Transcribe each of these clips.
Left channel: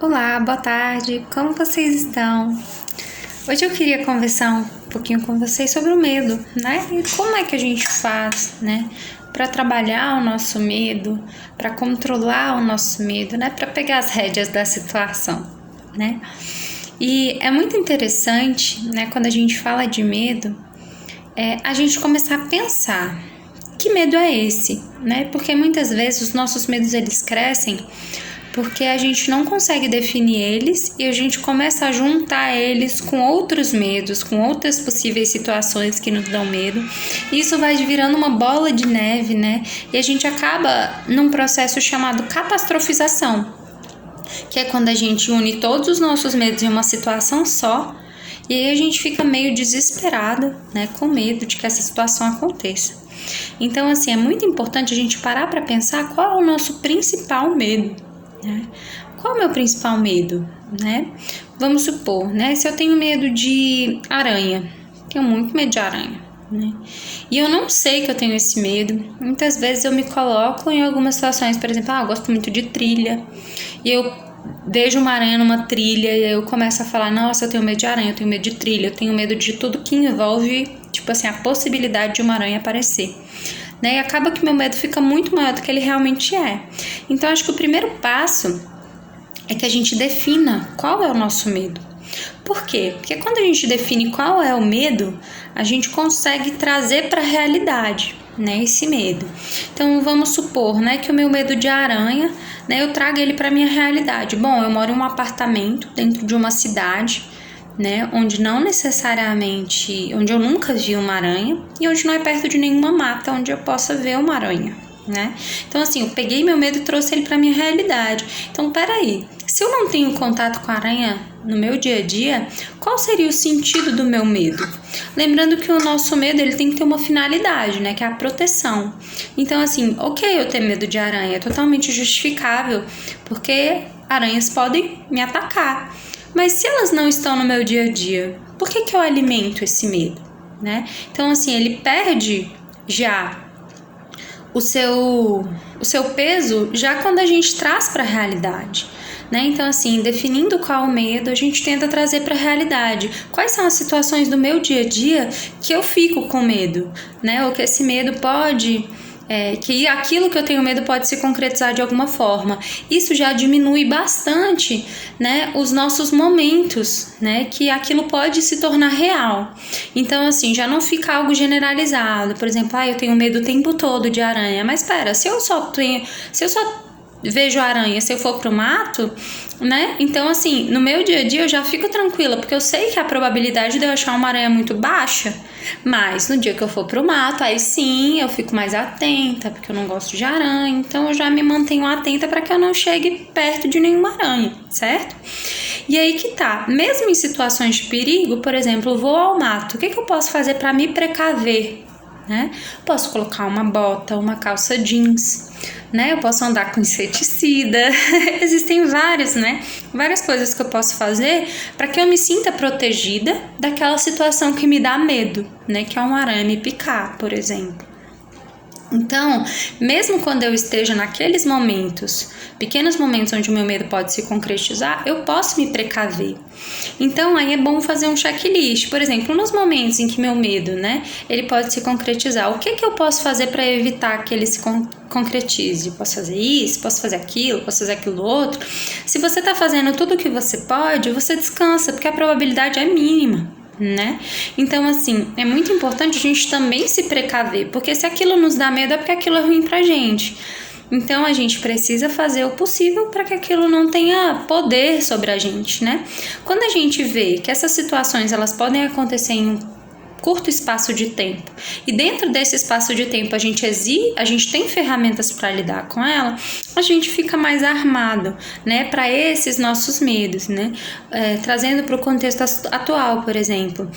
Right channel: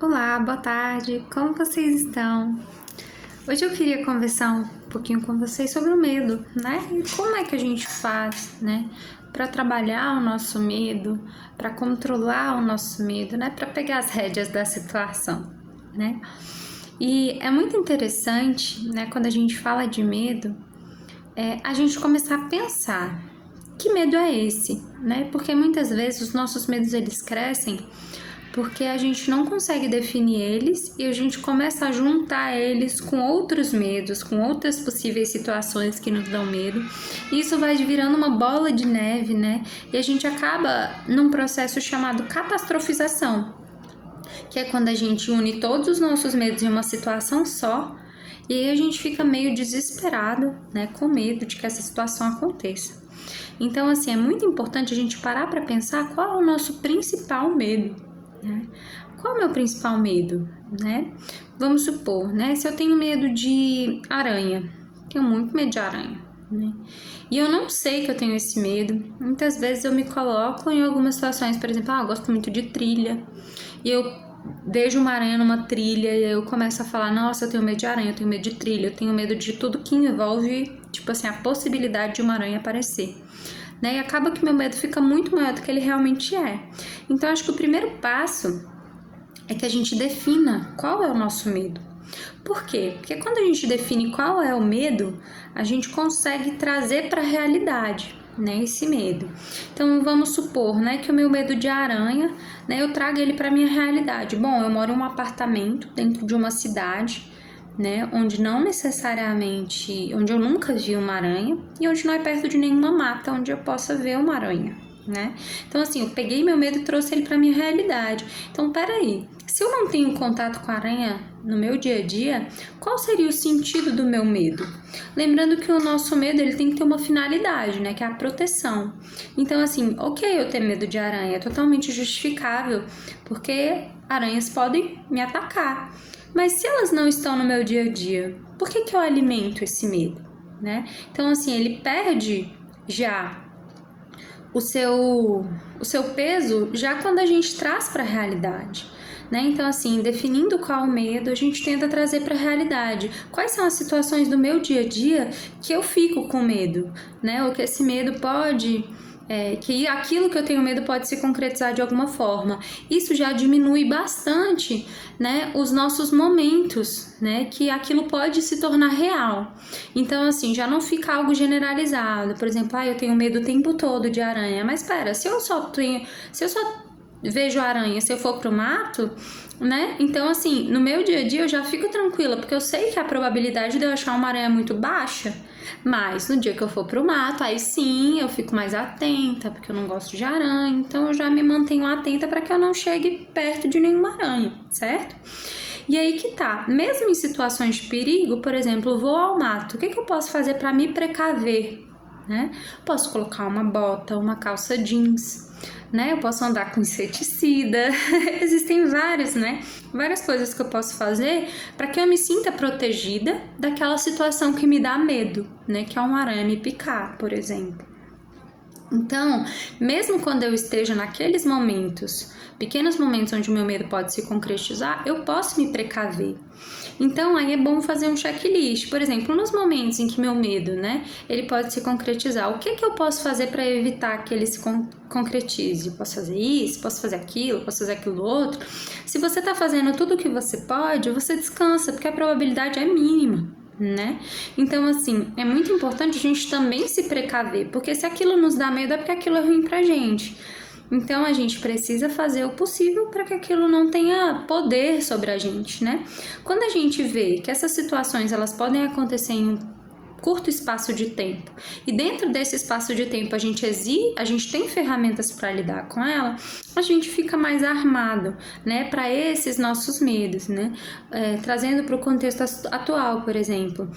Olá, boa tarde, como vocês estão? Hoje eu queria conversar um pouquinho com vocês sobre o medo, né? E como é que a gente faz, né? Para trabalhar o nosso medo, para controlar o nosso medo, né? Para pegar as rédeas da situação, né? E é muito interessante, né? Quando a gente fala de medo, a gente começar a pensar que medo é esse, né? Porque muitas vezes os nossos medos eles crescem porque a gente não consegue definir eles e a gente começa a juntar eles com outros medos, com outras possíveis situações que nos dão medo. E isso vai virando uma bola de neve, né? E a gente acaba num processo chamado catastrofização, que é quando a gente une todos os nossos medos em uma situação só. E aí a gente fica meio desesperado, né, com medo de que essa situação aconteça. Então, assim, é muito importante a gente parar para pensar qual é o nosso principal medo, né? Qual é o meu principal medo, né? Vamos supor, né, se eu tenho medo de aranha, tenho muito medo de aranha, né? E eu não sei que eu tenho esse medo. Muitas vezes eu me coloco em algumas situações, por exemplo, eu gosto muito de trilha, e eu vejo uma aranha numa trilha e eu começo a falar, nossa, eu tenho medo de aranha, eu tenho medo de trilha, eu tenho medo de tudo que envolve, tipo assim, a possibilidade de uma aranha aparecer, né? E acaba que meu medo fica muito maior do que ele realmente é. Então, acho que o primeiro passo é que a gente defina qual é o nosso medo. Por quê? Porque quando a gente define qual é o medo, a gente consegue trazer para a realidade, né, esse medo. Então, vamos supor, né, que o meu medo de aranha, né, eu trago ele para minha realidade. Bom, eu moro em um apartamento dentro de uma cidade, né, onde não necessariamente, onde eu nunca vi uma aranha e onde não é perto de nenhuma mata onde eu possa ver uma aranha, né? Então, assim, eu peguei meu medo e trouxe ele para minha realidade. Então, peraí, se eu não tenho contato com a aranha no meu dia a dia, qual seria o sentido do meu medo? Lembrando que o nosso medo ele tem que ter uma finalidade, né? Que é a proteção. Então, assim, ok, eu ter medo de aranha é totalmente justificável, porque aranhas podem me atacar. Mas se elas não estão no meu dia a dia, por que eu alimento esse medo, né? Então, assim, ele perde já o seu peso já quando a gente traz para a realidade, né? Então, assim, definindo qual o medo, a gente tenta trazer para a realidade. Quais são as situações do meu dia a dia que eu fico com medo, né? Ou que esse medo pode... que aquilo que eu tenho medo pode se concretizar de alguma forma. Isso já diminui bastante, né, os nossos momentos, né, que aquilo pode se tornar real. Então, assim, já não fica algo generalizado. Por exemplo, eu tenho medo o tempo todo de aranha. Mas espera, se eu só vejo aranha se eu for pro mato, né? Então, assim, no meu dia a dia eu já fico tranquila, porque eu sei que a probabilidade de eu achar uma aranha é muito baixa. Mas no dia que eu for pro mato, aí sim eu fico mais atenta, porque eu não gosto de aranha. Então eu já me mantenho atenta para que eu não chegue perto de nenhuma aranha, certo? E aí que tá, mesmo em situações de perigo, por exemplo, eu vou ao mato, o que eu posso fazer para me precaver, né? Posso colocar uma bota, uma calça jeans, né? Eu posso andar com inseticida. Existem vários, né? Várias coisas que eu posso fazer para que eu me sinta protegida daquela situação que me dá medo, né? Que é uma aranha me picar, por exemplo. Então, mesmo quando eu esteja naqueles momentos, pequenos momentos onde o meu medo pode se concretizar, eu posso me precaver. Então, aí é bom fazer um checklist. Por exemplo, nos momentos em que meu medo, né, ele pode se concretizar, o que eu posso fazer para evitar que ele se concretize? Posso fazer isso, posso fazer aquilo, posso fazer aquilo outro. Se você está fazendo tudo o que você pode, você descansa, porque a probabilidade é mínima, né? Então, assim, é muito importante a gente também se precaver, porque se aquilo nos dá medo é porque aquilo é ruim pra gente. Então, a gente precisa fazer o possível para que aquilo não tenha poder sobre a gente, né? Quando a gente vê que essas situações elas podem acontecer em um curto espaço de tempo e dentro desse espaço de tempo a gente tem ferramentas para lidar com ela, a gente fica mais armado, né, para esses nossos medos, né? Trazendo para o contexto atual, por exemplo,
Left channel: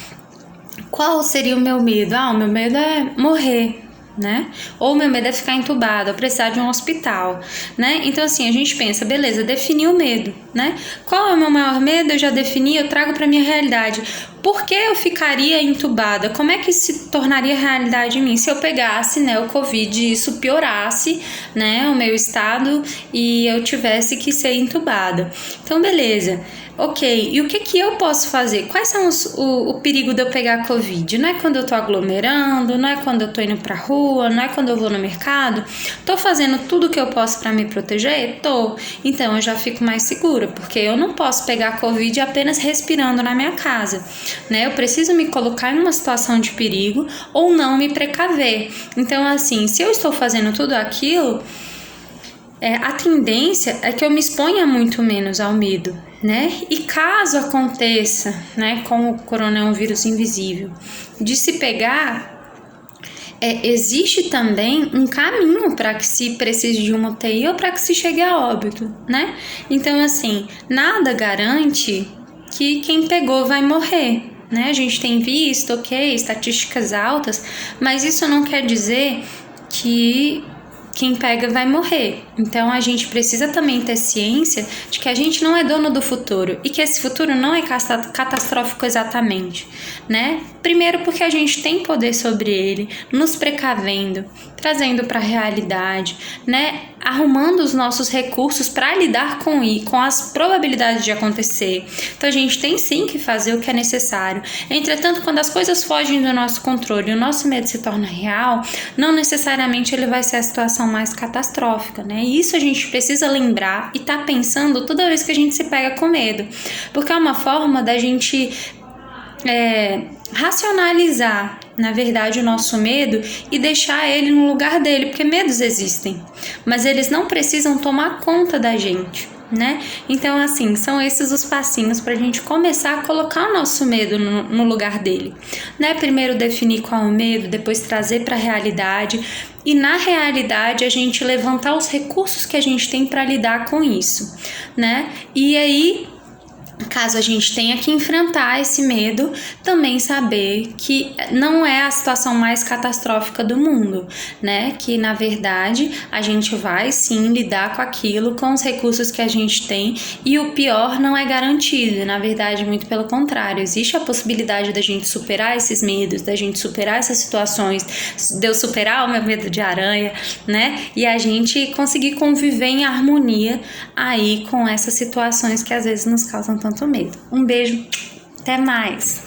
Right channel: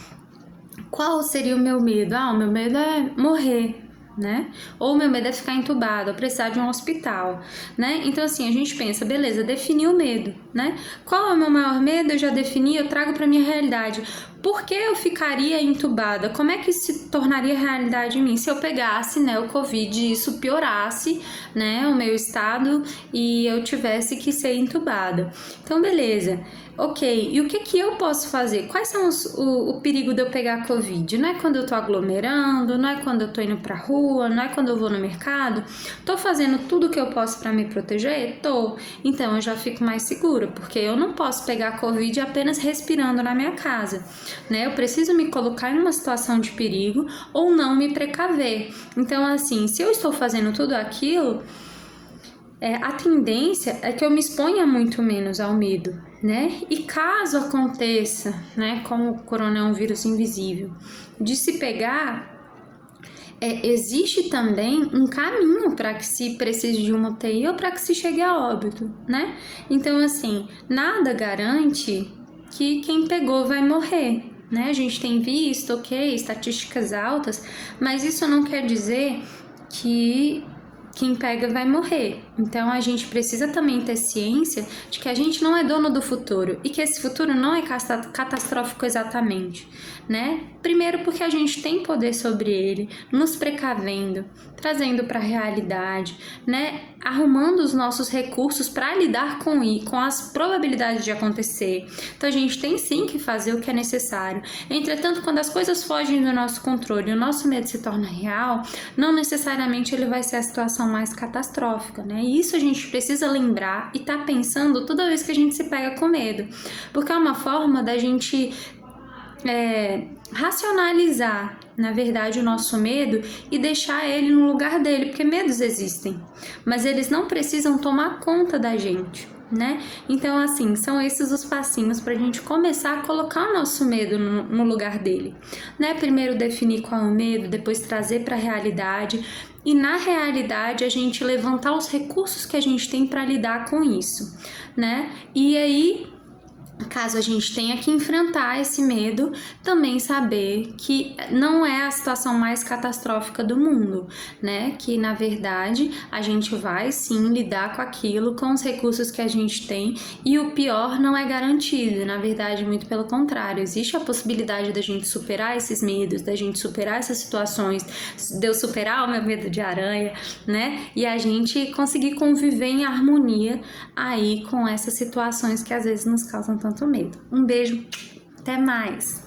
qual seria o meu medo? O meu medo é morrer, né? Ou meu medo é ficar entubado, ou precisar de um hospital, né? Então, assim, a gente pensa, beleza, defini o medo, né? Qual é o meu maior medo? Eu já defini, eu trago para minha realidade. por que eu ficaria entubada? Como é que se tornaria realidade em mim se eu pegasse, né, o Covid e isso piorasse, né, o meu estado e eu tivesse que ser entubada? Então, beleza. Ok, e o que eu posso fazer? Quais são o perigo de eu pegar Covid? Não é quando eu tô aglomerando, não é quando eu tô indo pra rua, não é quando eu vou no mercado? Tô fazendo tudo o que eu posso para me proteger? Tô. Então eu já fico mais segura, porque eu não posso pegar Covid apenas respirando na minha casa, né? Eu preciso me colocar em uma situação de perigo ou não me precaver. Então, assim, se eu estou fazendo tudo aquilo, a tendência é que eu me exponha muito menos ao medo, né? E caso aconteça, né, com o coronavírus invisível, de se pegar, existe também um caminho para que se precise de uma UTI ou para que se chegue a óbito, né? Então, assim, nada garante que quem pegou vai morrer, né? A gente tem visto, estatísticas altas, mas isso não quer dizer que quem pega vai morrer. Então a gente precisa também ter ciência de que a gente não é dono do futuro e que esse futuro não é catastrófico exatamente, né? Primeiro porque a gente tem poder sobre ele, nos precavendo, trazendo para a realidade, né? Arrumando os nossos recursos para lidar com as probabilidades de acontecer. Então a gente tem sim que fazer o que é necessário. Entretanto, quando as coisas fogem do nosso controle e o nosso medo se torna real, não necessariamente ele vai ser a situação mais catastrófica, né? E isso a gente precisa lembrar e tá pensando toda vez que a gente se pega com medo, porque é uma forma da gente racionalizar, na verdade, o nosso medo e deixar ele no lugar dele, porque medos existem, mas eles não precisam tomar conta da gente, né? Então, assim, são esses os passinhos para a gente começar a colocar o nosso medo no lugar dele, né? Primeiro definir qual é o medo, depois trazer para a realidade e na realidade a gente levantar os recursos que a gente tem para lidar com isso, né? E aí, caso a gente tenha que enfrentar esse medo, também saber que não é a situação mais catastrófica do mundo, né? Que, na verdade, a gente vai, sim, lidar com aquilo, com os recursos que a gente tem e o pior não é garantido. Na verdade, muito pelo contrário. Existe a possibilidade da gente superar esses medos, da gente superar essas situações, de eu superar o meu medo de aranha, né? E a gente conseguir conviver em harmonia aí com essas situações que às vezes nos causam tanto medo. Um beijo, até mais!